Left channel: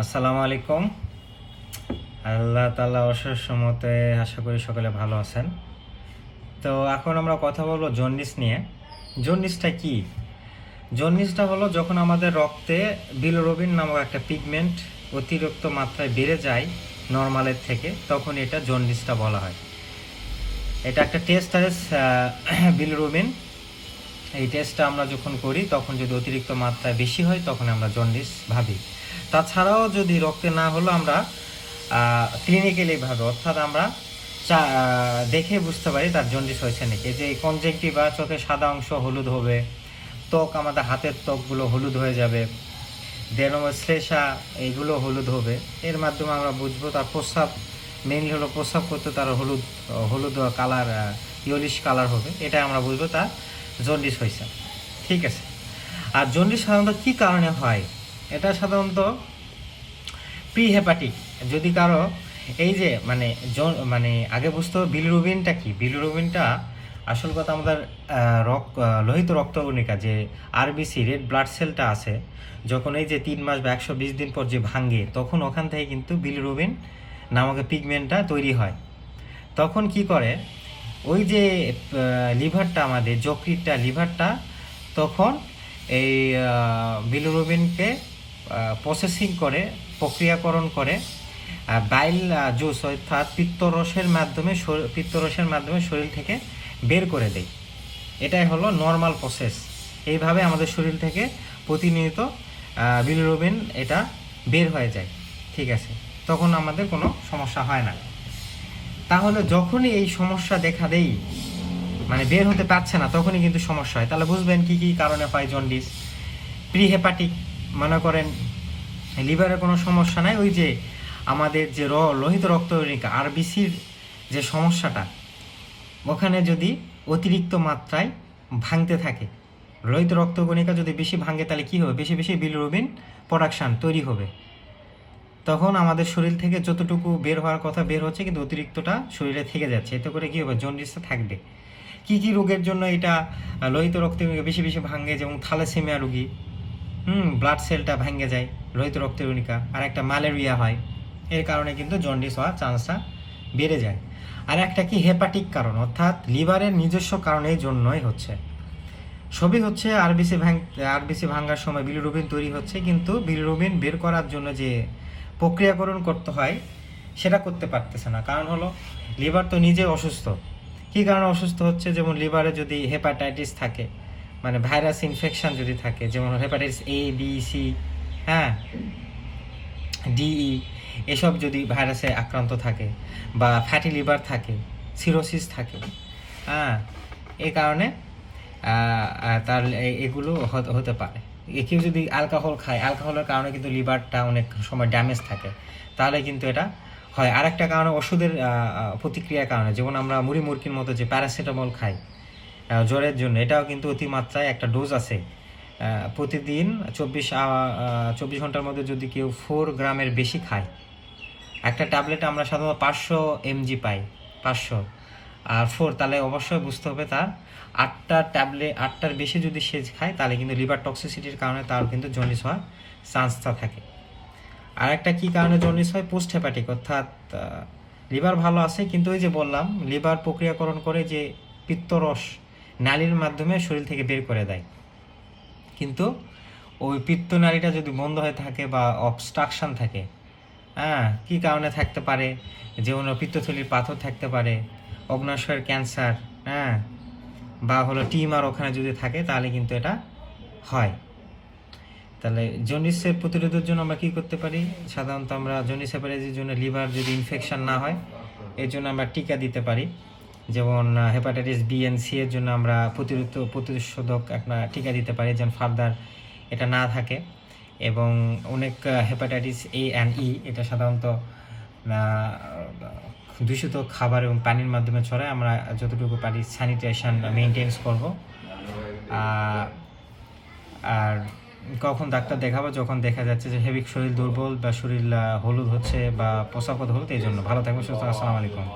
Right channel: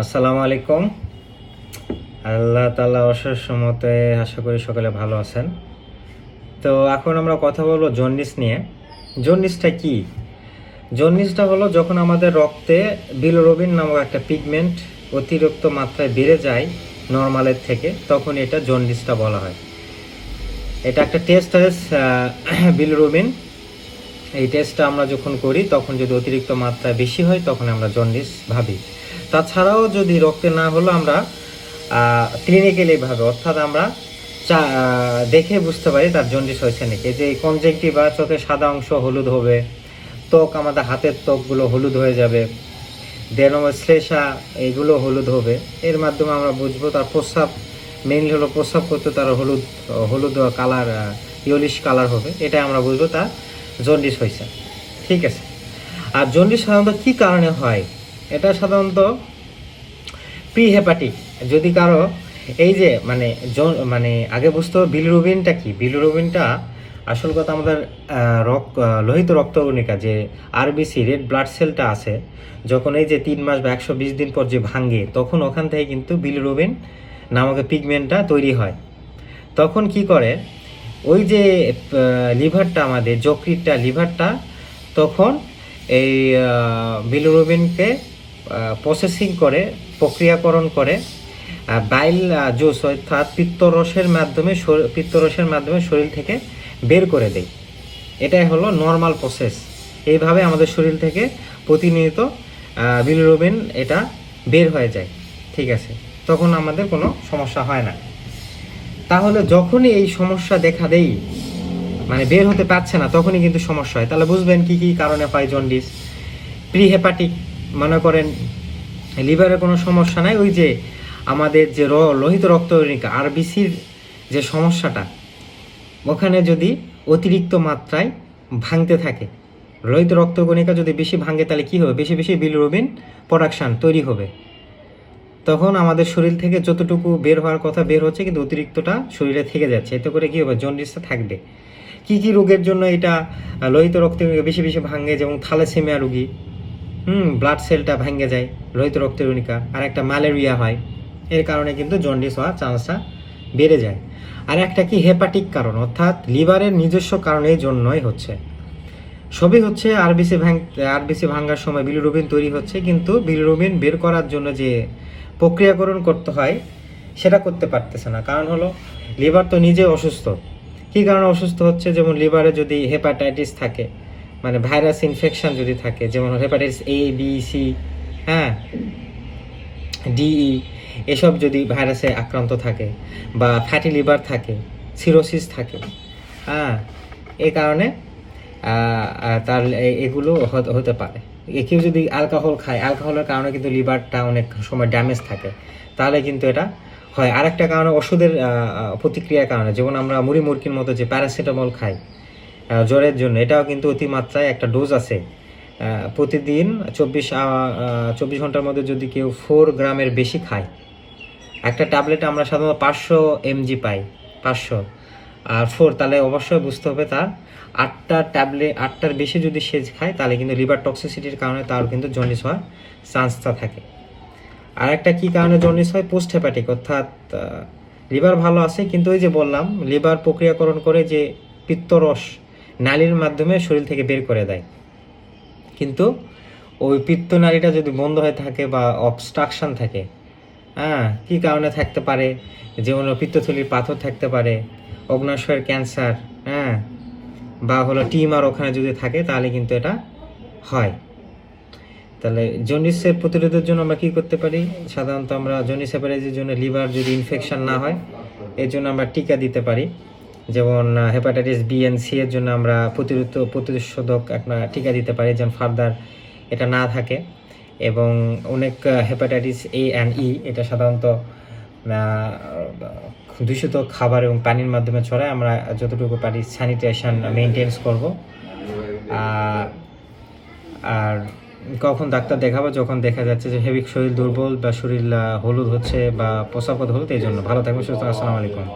আসসালামু আলাইকুম। আল্লাহ তাআলা অশেষ মতে আশা করি সকলে ভালো আছেন। তো এখন আমরা কথা বলবো জন্ডিস নিয়ে। জন্ডিসটা কি? জন্ডিসটা হলো যখন আমাদের রক্তে বিলিরুবিন নামক একটা পিগমেন্ট অতিরিক্ত মাত্রায় বেড়ে যায় নর্মালের থেকে, তখন এটা জন্ডিসটা বলা হয়। এটা একটা টেস্ট আছে বিলিরুবিন। এই টেস্টটা আমরা যখন করি তখন যদি অতিরিক্ত মাত্রায় বেশি হয় তখন আমরা জন্ডিস ভাবি। তাছাড়াও যদি রক্তে না হলো আমরা ক্লিনিক্যালি ভাবে, অর্থাৎ আমরা দেখে বুঝতে পারি তার জন্ডিস হয়েছে নাকি। যে কনজেক্টিভা, চোখের সাদা অংশ হলুদ হবে, ত্বক আমাদের হাতের ত্বকগুলো হলুদ হয়ে যাবে, শ্লেষা এগুলো হলুদ হবে। এর মাধ্যমে আমরা বুঝবো। তার প্রস্রাব মেইনলি হলো প্রস্রাব করতে তার হলুদ হলুদ কালার, ইয়েলিশ কালার হবে। এটা আমরা বুঝবো তার জন্ডিস হয়েছে। ঠিক আছে। আর জন্ডিস সাধারণত কী কারণে হয়? এটা সাধারণত প্রিহেপাটিক। যদি কারো এই যে মানে আগে বুঝতে হবে বিলিরুবিনটা কি। বিলিরুবিনটা আসল কথা আমাদের লোহিত রক্তকণিকা, যে আরবিসি রেড ব্লাড সেলটা আছে, যখন এই যে 3 মাস বা 120 দিন পর যে ভাঙে, তখন ওখান থেকে কিন্তু বিলিরুবিন নামক পিগমেন্টটা তৈরি হয়। তখন কি করে, ওই যে লিভারটা, আমাদের যকৃতটা, লিভারটা তখন এই বিলিরুবিনকে প্রসেসিং করে, প্রক্রিয়াকরণ করে বাইল জুস অর্থাৎ পিত্তরসের মাধ্যমে শরীর থেকে বের করে দেয়। এটাই হলো নর্মাল প্রসেস। এইভাবে আমাদের শরীর থেকে প্রতিনিয়ত বিলিরুবিন এটা বের হয়ে যায়। ঠিক আছে, তখন আমাদের কোনো সমস্যা হয় না। তাহলে যখনই এই সমস্যা দেখা দেয়, মানে বের হতে পারছে না, তখনই কিন্তু সমস্যা হয়। তাহলে বুঝবেন কি কি কারণে পায় জন্ডিস। প্রিহেপাটিক, মনে করেন লিভারের কোনো সমস্যা নাই, ওই যে আমাদের যে লোহিত রক্তকণিকা আরবিসির যে সমস্যাটা, ওখানে যদি অতিরিক্ত মাত্রায় ভাঙতে থাকে, লোহিত রক্তকণিকা যদি বেশি ভাঙে, তাহলে কী হবে? বেশি বেশি বিলিরুবিন প্রোডাকশান তৈরি হবে। তখন আমাদের শরীর থেকে যতটুকু বের হওয়ার কথা বের হচ্ছে, কিন্তু অতিরিক্তটা শরীরে থেকে যাচ্ছে। এতে করে কী হবে? জন্ডিসটা থাকবে। কি কি রোগের জন্য এটা লোহিত রক্তকণিকা বেশি বেশি ভাঙে? যেমন থ্যালাসেমিয়া রোগী, ব্লাড সেলটা ভেঙে যায় লোহিত রক্তকণিকা। আর একটা ম্যালেরিয়া হয়, এর কারণে কিন্তু জন্ডিস হওয়ার চান্সটা বেড়ে যায়। আর একটা কি হেপাটিক কারণ, অর্থাৎ লিভারের নিজস্ব কারণের জন্যই হচ্ছে। সবই হচ্ছে আরবিসি ভাঙার সময় বিলিরুবিন তৈরি হচ্ছে, কিন্তু বিলিরুবিন বের করার জন্য যে প্রক্রিয়াকরণ করতে হয় সেটা করতে পারতেছে না। কারণ হলো লিভার তো নিজে অসুস্থ। কী কারণে অসুস্থ হচ্ছে? যেমন লিভারে যদি হেপাটাইটিস থাকে, মানে ভাইরাস ইনফেকশন যদি থাকে, যেমন হেপাটাইটিস এ, বি, সি, হ্যাঁ, ডিই, এসব যদি ভাইরাসে আক্রান্ত থাকে, বা ফ্যাটি লিভার থাকে, সিরোসিস থাকে, হ্যাঁ, এই কারণে তার এগুলো হতে পারে। কেউ যদি অ্যালকোহল খায়, অ্যালকোহলের কারণে কিন্তু লিভারটা অনেক সময় ড্যামেজ থাকে, তাহলে কিন্তু এটা হয়। আরেকটা কারণে ওষুধের প্রতিক্রিয়ার কারণে, যেমন আমরা মুড়ির মতো যে প্যারাসিটামল খাই জ্বরের জন্য, এটাও কিন্তু অতিমাত্রায় একটা ডোজ আছে। প্রতিদিন 24 ঘন্টার মধ্যে যদি কেউ 4 গ্রামের বেশি খায়, একটা ট্যাবলেট আমরা সাধারণত 500 mg পাই, 500 আর 4, তাহলে অবশ্যই বুঝতে হবে তার 8টার বেশি যদি সে খায়, তাহলে কিন্তু লিভার টক্সিসিটির কারণে তার কিন্তু জন্ডিস হওয়ার চান্সটা থাকে। আর একটা কী কারণে জন্ডিস হয়? পোস্ট হেপাটিক, অর্থাৎ লিভার ভালো আছে, কিন্তু ওই যে বললাম লিভার প্রক্রিয়াকরণ করে যে পিত্তরস নালীর মাধ্যমে শরীর থেকে বের করে দেয়, কিন্তু ওই পিত্তনালীটা যদি বন্ধ হয়ে থাকে বা অবস্ট্রাকশন থাকে, হ্যাঁ, কী কারণে থাকতে পারে? যেমন পিত্তথলির পাথর থাকতে পারে, অগ্ন্যাশয়ের ক্যান্সার, হ্যাঁ, বা হলো টিউমার ওখানে যদি থাকে, তাহলে কিন্তু এটা হয়। তাহলে জন্ডিসের প্রতিরোধের জন্য আমরা কী করতে পারি? সাধারণত আমরা জন্ডিস হেপাটাইটিসের জন্য লিভার যদি ইনফেকশন না হয়, এর জন্য আমরা টিকা দিতে পারি। যেমন হেপাটাইটিস বি এন্ড সি এর জন্য আমরা প্রতিষেধক একটা টিকা দিতে পারি, যেন ফার্দার এটা না থাকে। এবং অনেক হেপাটাইটিস এ অ্যান্ড ই, এটা সাধারণত দূষিত খাবার এবং পানির মাধ্যমে ছড়ায়। আমরা যতটুকু পারি স্যানিটেশন মেনটেন্স করব। আর কখন ডাক্তার দেখাবো? যখন দেখা যাচ্ছে যে হেভি শরীর দুর্বল বা শরীর হলুদ হচ্ছে বা প্রস্রাব হলুদ। এই জন্য ভালো থাকবেন, সুস্থ। আসসালামু আলাইকুম।